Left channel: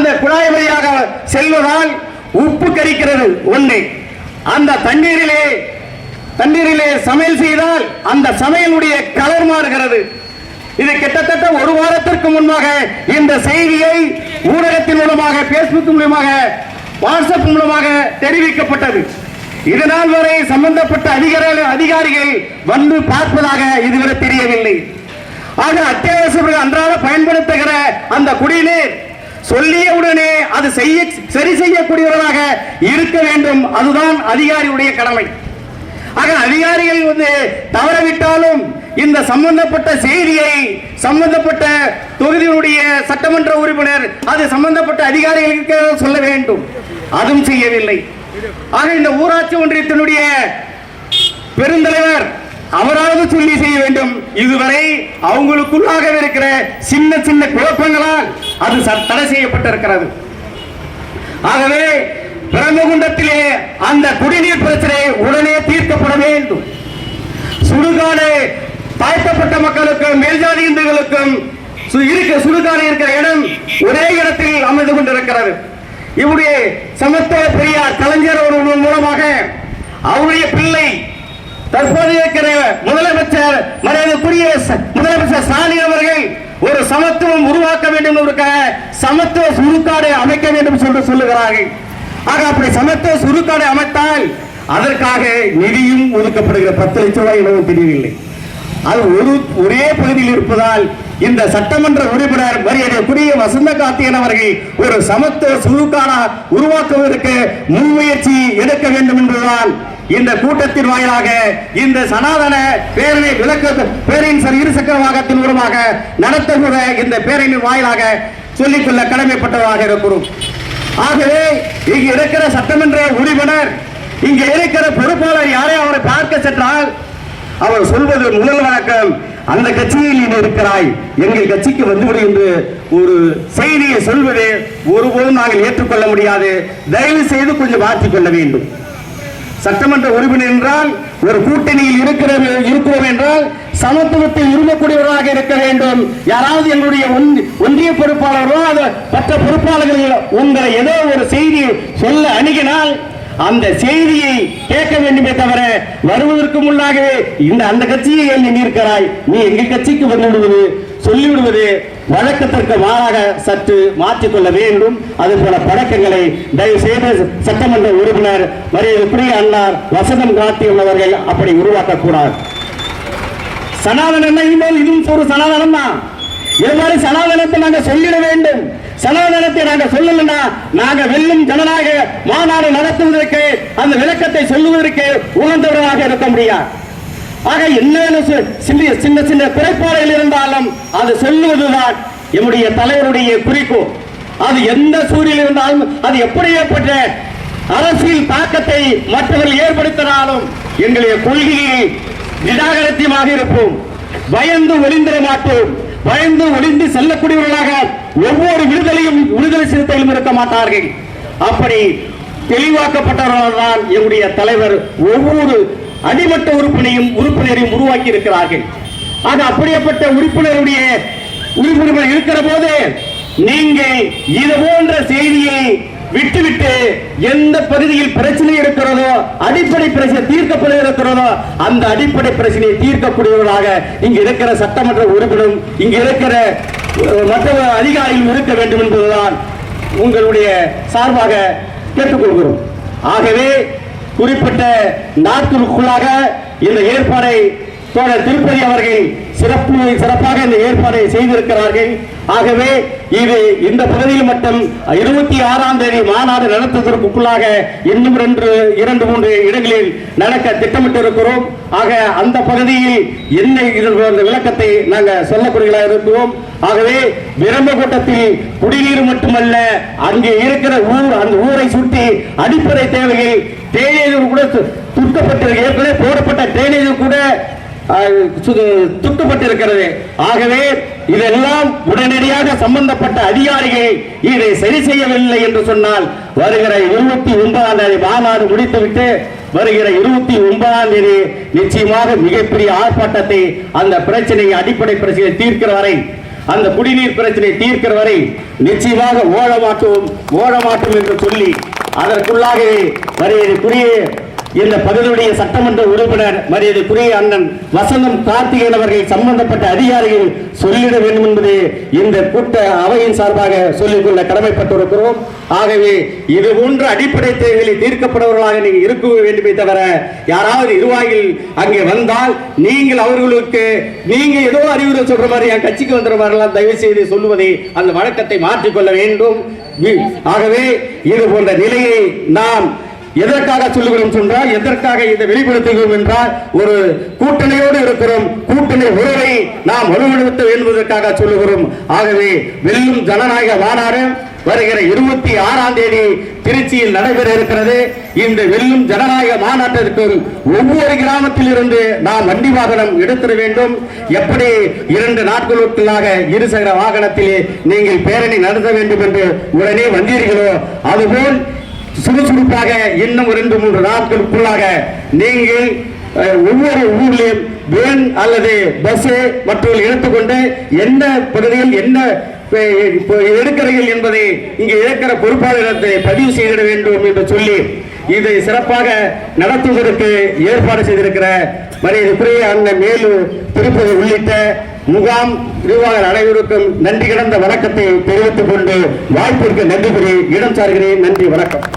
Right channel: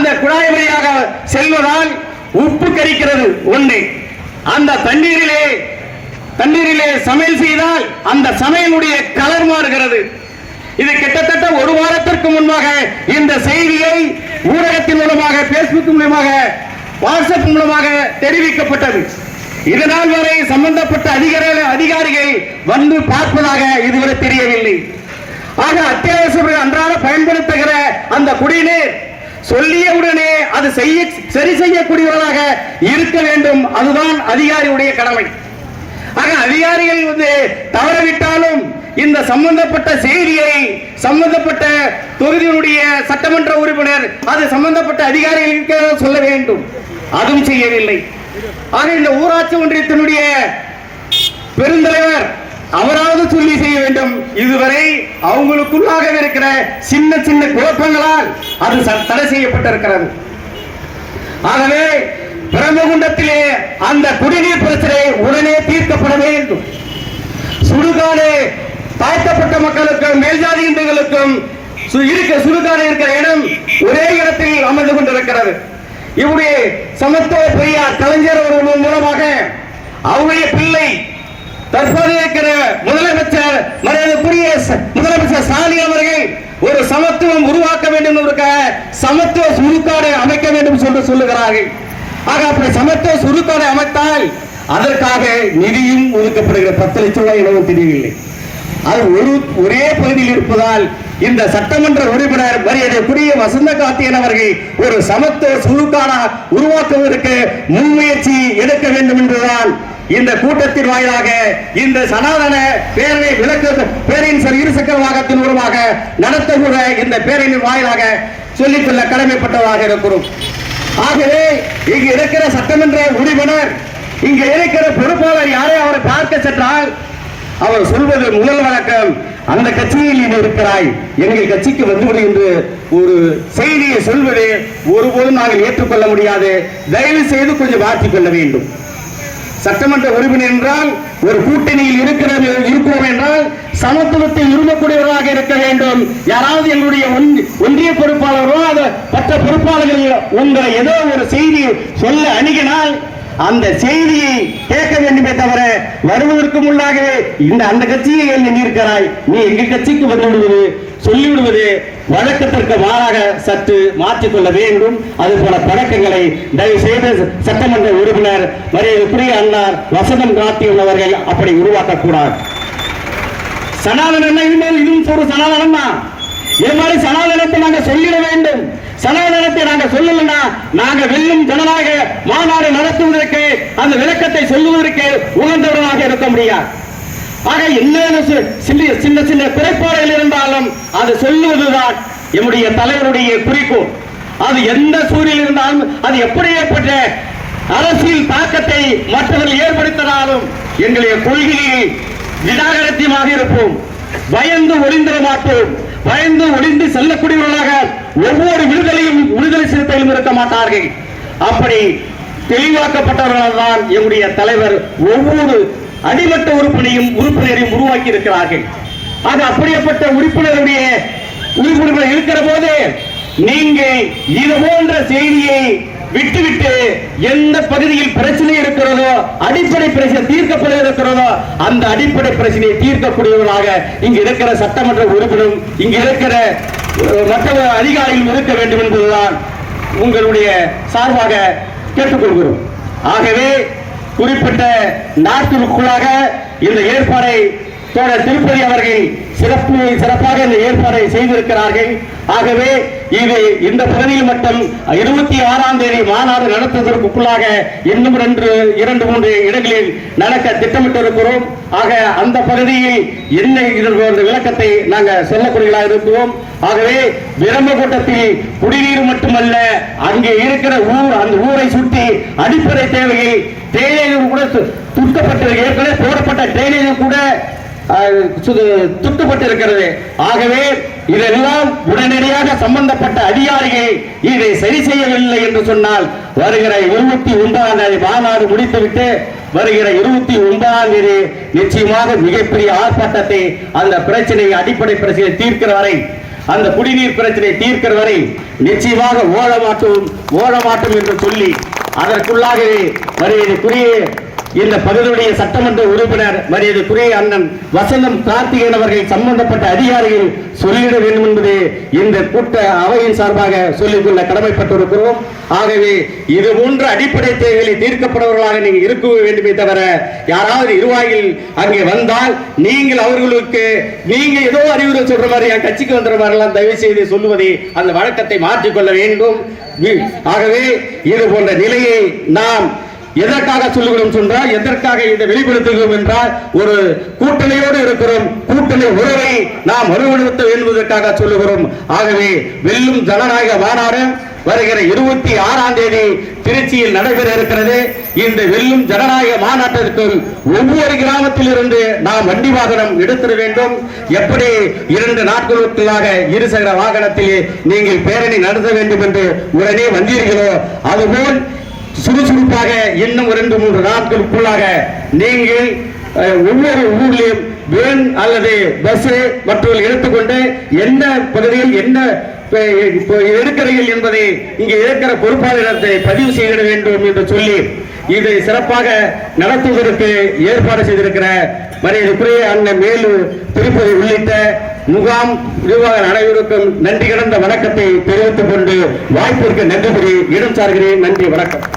அந்த குழாய் வழியாக செல்வதால் உப்பு கரிக்கிறது ஒன்று. அந்த தண்ணீரிலே சமையல் செய்தால் அந்த சமையலுடைய கலர் மாறுகிறது. இது கிட்டத்தட்ட ஒரு வாரத்திற்கு முன்பாக இந்த செய்தியை ஊடகத்தின் மூலமாக, பேஸ்புக் மூலமாக, வாட்ஸ்அப் மூலமாக தெரிவிக்கப்பட்டது. இதனால் வரை சம்பந்தப்பட்ட அதிகாரிகள் வந்து பார்ப்பதாக இதுவரை தெரியவில்லை. ஆக அத்தியாவசிய அன்றாட பயன்படுத்துகிற அந்த குடிநீர் சொல்லியவுடனே அது சரி செய்யக்கூடியவர்களாக இருக்க வேண்டும். அதுதான் அதிகாரியுடைய கடமை. ஆக அதிகாரிகள் தவறவிட்டாலும் இந்த சம்பந்தப்பட்ட செய்தியை சம்பந்தப்பட்ட தொகுதியுடைய சட்டமன்ற உறுப்பினர் அது சம்பந்தப்பட்ட அதிகாரிகளுக்கு சொல்ல வேண்டும். அதுவும் செய்யவில்லை. ஆக இந்த ஊராட்சி ஒன்றியத்தினுடைய பெருந்தலைவர் அவராவது சொல்லி செய்ய வேண்டும். இதுவரை அவங்களுக்குள்ளாக இருக்கிற சின்ன சின்ன குழப்பங்களால் அது தடை செய்யப்பட்டிருக்கிறது. ஆகவே பிரம்மகுண்டத்திலே அந்த குடிநீர் பிரச்சனை உடனே தீர்க்கப்பட வேண்டும். சுடுகாடு தாழ்த்தப்பட்ட மக்களுக்கும் மேல்ஜாதி இந்துக்களுக்கும் சுடுகாடு இருக்கிற இடம் ஒரே இடத்தில் அமர்ந்து கொண்டிருக்கிறது. இவருடைய சமத்துவ பெரியார் கலைஞர் அவர்கள் மூலமாக அவருடைய பிள்ளை தற்போது இருக்கிற முதலமைச்சர் மரியாதைக்குரிய முதலமைச்சர் ஸ்டாலின் அவர்கள் ஒரு சமத்துவம் உருவாக்க வேண்டும் என்பதற்காக சமத்துவ சுடுகாடு அமைக்க வேண்டும் என்று சொல்லுகிறார்கள். ஆக அப்படி சமத்துவ சுடுகாடு அமைத்தால் அதற்காக நிதியும் ஒதுக்கப்படுகிற 10 லட்சம் ரூபாய் எனவும் தெரியவில்லை. அது ஒரே பகுதியில் இருப்பதால் இந்த சட்டமன்ற உறுப்பினர் மரியாதைக்குரிய வசந்த கார்த்திகேயன் அவர்கள் ஒரு சமத்துவ சுடுகாடு உருவாக்குவதற்கு முன்முயற்சி எடுக்க வேண்டும் என்பதுதான் இந்த கூட்டத்தின் வாயிலாக இந்த சனாதன பேரணி பேரின் இருசக்கர வாகனத்தின் மூலமாக நடத்துகிற இந்த பேரணியின் வாயிலாக சொல்லிக்கொள்ள கடமைப்பட்டவராக இருக்கிறோம். ஆகவே இங்கு இருக்கிற சட்டமன்ற உறுப்பினர், இங்க இருக்கிற பொறுப்பாளர் யாரை அவரை பார்க்க சென்றால் அவர் சொல்வது முதல் வழக்கம், அந்த கட்சியில் நீ இருக்கிறாய், எங்கள் கட்சிக்கு வந்துவிடு என்று ஒரு செய்தியை சொல்வது ஒருபோதும் நாங்கள் ஏற்றுக்கொள்ள முடியாது. தயவு செய்து கொஞ்சம் மாற்றிக் கொள்ள வேண்டும். சட்டமன்ற உறுப்பினர் என்றால் ஒரு கூட்டணியில் இருக்கிறோம் என்றால் சமத்துவத்தை விரும்பக்கூடியவராக இருக்க வேண்டும். யாராவது எங்களுடைய ஒன்றிய பொறுப்பாளரோ மற்ற பொறுப்பாளர்கள் உங்களை ஏதோ ஒரு செய்தி சொல்ல அணுகினால் அந்த செய்தியை கேட்க வேண்டுமே தவிர வருவதற்கு முன்னாகவே அந்த கட்சியை நீ இருக்கிறாய், நீ எங்கள் கட்சிக்கு வந்துவிடுவது சொல்லிவிடுவது வழக்கத்திற்கு மாறாக சற்று மாற்றிக்கொள்ள வேண்டும். அதுபோல பழக்கங்களை தயவு செய்து சட்டமன்ற உறுப்பினர் மரியாதைக்குரிய அண்ணார் வசந்தம் கார்த்திகேயன் அவர்கள் அப்படி உருவாக்கக்கூடாது. சனாதனம் இதுவும் ஒரு சனாதனம் தான். இது மாதிரி சனாதனத்தை நாங்கள் சொல்லிட வேண்டும். சனாதனத்தை நாங்கள் சொல்லலன்னா நாங்க வெல்லும் ஜனநாயக மாநாடு நடத்துவதற்கு அந்த விளக்கத்தை சொல்லுவதற்கு உணர்ந்தவர்களாக இருக்க முடியாது. ஆக என்ன சின்ன சின்ன குறைபாடுகள் இருந்தாலும் அது சொல்லுவதுதான் என்னுடைய தலைவருடைய குறிக்கோள். அது எந்த சூழலில் இருந்தாலும் அது எப்படி ஏற்பட்ட அரசியல் தாக்கத்தை மற்றவர்கள் ஏற்படுத்தினாலும் எங்களுடைய கொள்கையை நிராகரித்தியமாக இருப்போம். பயந்து ஒளிந்திட மாட்டோம். பயந்து ஒளிந்து செல்லக்கூடியவர்களாக ஒவ்வொரு விடுதலை சிறுத்தையிலும் இருக்க மாட்டார்கள். அப்படி தெளிவாக்கப்பட்டவர்கள் தான் எங்களுடைய தலைவர் ஒவ்வொரு அடிமட்ட உறுப்பினரையும் உருவாக்கி இருக்கிறார்கள். அது அப்படியேப்பட்ட உறுப்பினர்கள் இருக்கிற போது நீங்க இது போன்ற செய்தியை விட்டுவிட்டு எந்த பகுதியில் பிரச்சனை இருக்கிறதோ, அடிப்படை பிரச்சனை தீர்க்கப்பட இருக்கிறதோ அந்த அடிப்படை பிரச்சனையை தீர்க்கக்கூடியவர்களாக இங்க இருக்கிற சட்டமன்ற உறுப்பினர், இங்க இருக்கிற மற்ற அதிகாரிகள் இருக்க வேண்டும் என்பதுதான் உங்களுடைய சார்பாக கேட்டுக்கொள்கிறோம். ஆகவே குறிப்பிட்ட நாட்களுக்குள்ளாக இந்த ஏற்பாடை திருப்பதி அவர்கள் சிறப்பாக இந்த ஏற்பாடை செய்திருக்கிறார்கள். ஆகவே இது இந்த பகுதியில் மட்டும் 26ஆம் தேதி மாநாடு நடத்துவதற்குள்ளாக இன்னும் 2-3 இடங்களில் நடக்க திட்டமிட்டிருக்கிறோம். ஆக அந்த பகுதியில் என்ன இதன் விளக்கத்தை நாங்கள் சொல்லக்கூடியதாக இருக்கிறோம். ஆகவே விரம்பகோட்டத்தில் குடிநீர் மட்டுமல்ல, அங்கே இருக்கிற அந்த ஊரை சுற்றி அடிப்படை தேவைகள் டிரைனேஜ் கூட துட்டப்பட்டு ஏற்கனவே போடப்பட்ட டிரைனேஜ் கூட துட்டப்பட்டிருக்கிறது. ஆகவே இதெல்லாம் உடனடியாக சம்பந்தப்பட்ட அதிகாரிகள் இதை சரி செய்யவில்லை என்று சொன்னால் வருகிற 29ஆம் தேதி மாநாடு முடித்துவிட்டு வருகிற 29ஆம் தேதி நிச்சயமாக மிகப்பெரிய ஆர்ப்பாட்டத்தை அந்த பிரச்சனையை அடிப்படை பிரச்சனையை தீர்க்கிற வரை அந்த குடிநீர் பிரச்சனை தீர்க்கிற வரை நிச்சயமாக ஓட மாட்டோம் என்று சொல்லி அதற்குள்ளாக மரியாதைக்குரிய இந்த பகுதியுடைய சட்டமன்ற உறுப்பினர் மரியாதைக்குரிய அண்ணன் வசந்தம் கார்த்திகேயன் அவர்கள் சம்பந்தப்பட்ட அதிகாரிகள் சொல்லிட வேண்டும் என்பது இந்த கூட்ட அவையின் சார்பாக சொல்லிக்கொள்ள கடமைப்பட்டிருக்கிறோம். ஆகவே இது போன்ற அடிப்படை தேவைகளை தீர்க்கப்படுவர்களாக நீங்கள் இருக்க வேண்டுமே தவிர யாராவது நிர்வாகிகள் அங்கே வந்தால் நீங்கள் அவர்களுக்கு நீங்க ஏதோ அறிவுரை சொல்ற மாதிரி என் கட்சிக்கு வந்துற மாதிரிலாம் தயவு செய்து சொல்லுவதை அந்த வழக்கத்தை மாற்றிக்கொள்ள வேண்டும். ஆகவே இது போன்ற நிலையை நாம் எதற்காக சொல்லுகிறோம் சொன்னால், எதற்காக இதை வெளிப்படுத்துகிறோம் என்றால், ஒரு கூட்டணியோடு இருக்கிறோம், கூட்டணி உறவை நாம் வலுப்படுத்த என்பதற்காக சொல்லுகிறோம். ஆகவே வெல்லும் ஜனநாயக மாநாடு வருகிற 26ஆம் தேதி திருச்சியில் நடைபெற இருக்கிறது. இந்த வெல்லும் ஜனநாயக மாநாட்டிற்கு ஒவ்வொரு கிராமத்தில் இருந்து நாம் வண்டி வாகனம் எடுத்துட வேண்டும். எப்படி 2 நாட்களுக்குள்ளாக இருசக்கர வாகனத்திலே நீங்கள் பேரணி நடத்த வேண்டும் என்று உடனே வந்தீர்களோ அதுபோல் சுறுசுறுப்பாக இன்னும் 2-3 நாட்களுக்குள்ளாக நீங்கள் ஒவ்வொரு ஊர்லையும் வேன் அல்லது பஸ் மற்றும் எடுத்துக்கொண்டு எந்த பகுதியில் என்ன எடுக்கிறீர்கள் என்பதை இங்கே இருக்கிற பொறுப்பாளர்களை பதிவு செய்திட வேண்டும் என்று சொல்லி இதை சிறப்பாக நடத்துவதற்கு ஏற்பாடு செய்திருக்கிற மரியாதைக்குரிய அண்ணன் மேலு திருப்பதி உள்ளிட்ட முகாம் நிர்வாக அனைவருக்கும் நன்றி கடந்த வணக்கத்தை தெரிவித்துக் கொண்டு வாய்ப்பிற்கு நன்றி இடம் சார்கிறேன். நன்றி, வணக்கம்.